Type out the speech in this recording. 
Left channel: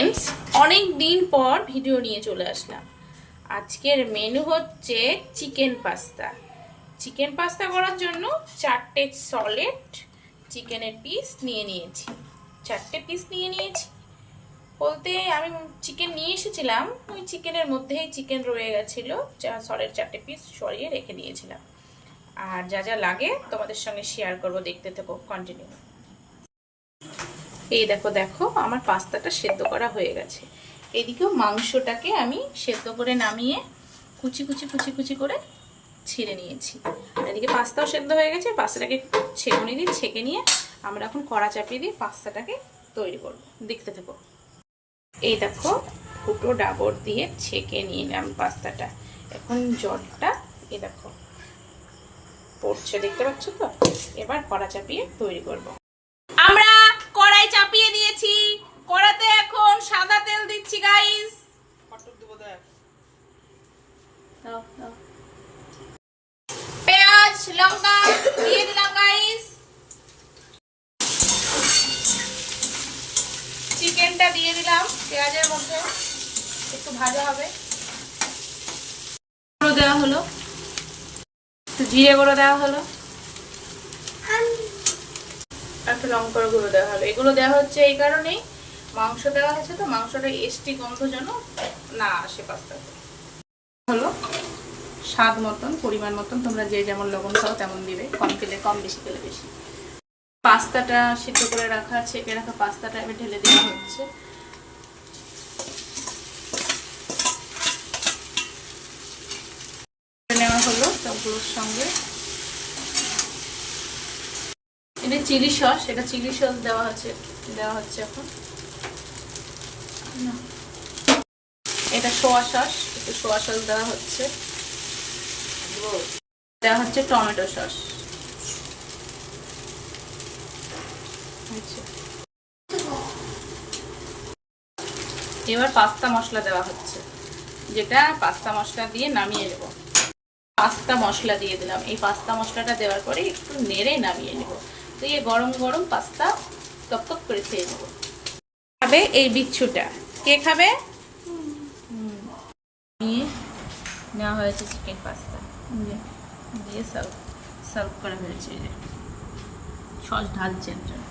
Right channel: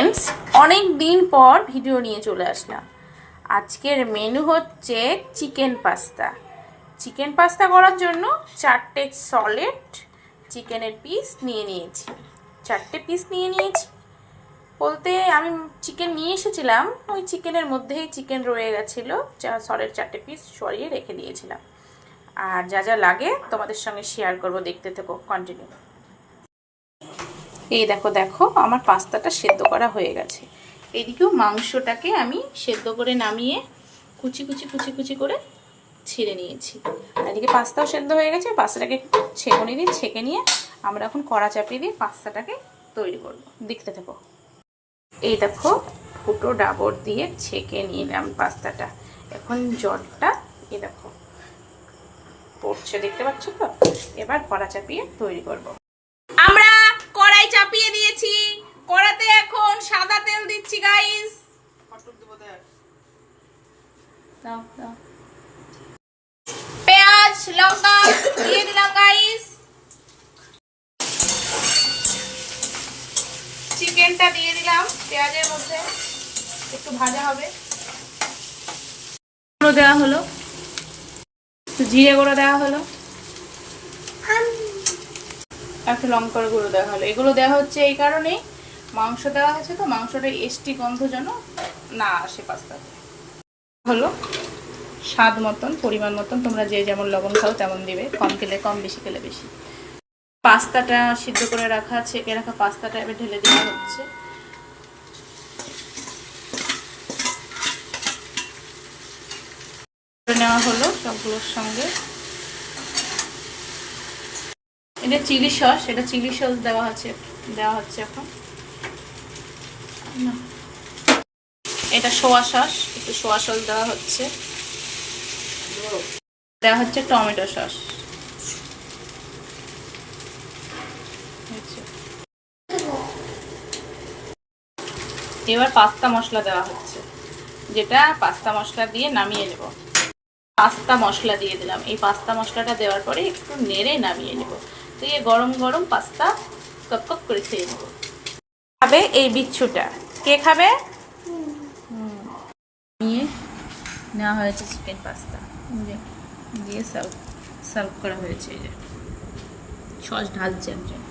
Friends অনেক দিন পর ভিডিও নিয়ে চলে আসলাম। আজকের মেনু হচ্ছে চিকেন পাস্তা। চিকেন পাস্তা করার জন্য 4টে সলিড চিকেনের পিস নিয়ে নিয়েছি। 4টে পিস নিয়ে নিয়েছি বলতে আমি চিকেন নিয়ে এসেছিলাম, ওই চিকেনের মধ্যেই চিকেন রয়ে গেছিলো, সলিড 4টে পিস সরিয়ে রেখে দিয়েছিলাম। আর যা যা লাগে তোমাদের সঙ্গে শেয়ার করব, দেখতে থাকো কন্টিনিউ। এই দেখো দেখো আমার পাস্তাটা সেদ্ধ করা হয়ে গেছে। এদিকেও মাংসটাকে আমি সেদ্ধ করে নামিয়ে কুচি কুচি কুচি কুচি করে ছিঁড়ে নিয়েছি। এদিকে পাস্তাও সেদ্ধ হয়ে গেছে, পাস্তাটাকে ছেঁকে দিয়ে ছেঁকে নিয়ে আমরা এখন কড়া চাপিয়ে দিয়ে পাস্তাটাকে তৈরি করব, দেখতে থাকো। এই দেখো ফুটো ডাবর দিয়ে ছেঁকে নিলাম পাস্তাটা। এখন জলটা এই দেখো পড়ছে, দেখতে পাচ্ছ তো। এবার কড়া চাপিয়ে তৈরি করব। আমরা কড়াই চাপিয়ে দিয়েছি, কড়াতে এখন সাদা তেল দিচ্ছি গাইস। দাও দাও। পেঁয়াজ লঙ্কা দিয়ে দিলাম গাইস। চিকেনটা দিয়ে দিলাম পেঁয়াজের মধ্যে, একটু ভাজা হবে। গুঁড়ো দেওয়া হলো, একটু জিরে গুঁড়ো দেওয়া হলো, একটু লঙ্কার গুঁড়ো দেওয়া হলো। এগুলো দেওয়া হচ্ছে এই কারণেই, মাংস দেওয়া হয়েছে তো, মাংসটা এসটি গন্ধ যেন না আসে পাস্তাতে। হলো স্বাদ মতন, পরিমাণ মতন, তোমরা যে যেমন লবণ খাও তেমন দিবে, কম খেলে কম, বেশি খেলে বেশি। পাস্তাটা সিদ্ধ করে রাখা, ছেঁকে রাখা পাস্তাটা এবার ঢেলে দেওয়া হচ্ছে। নেওয়া হলো সবগুলোর সঙ্গে। এটা চিলি সস, এটা চিলি সস দেওয়া হচ্ছে এখন। এটা সোয়া সস, একটু সোয়া সস দেওয়া হচ্ছে। দেওয়া হচ্ছে টমেটো সস। এবার পাস্তা মশলা দেওয়া হচ্ছে, যেটা পাস্তা মশলা দিয়ে নামিয়ে নেব। পাস্তা মশলা দিয়ে দিলাম। এই পাস্তা মশলাটা দেওয়ার পরে একটু নেড়ে নামিয়ে নেব। তো এই গরম গরম পাস্তা কপ কপ করে খেয়ে নেব। খাবে এই বিচ্ছুটা? কে খাবে? নিয়ে নেওয়া হয়েছে চিকেন পাস্তা, দিয়ে সার্ভ করা হয়েছে। এই যে সস ঢালছেন জন্য।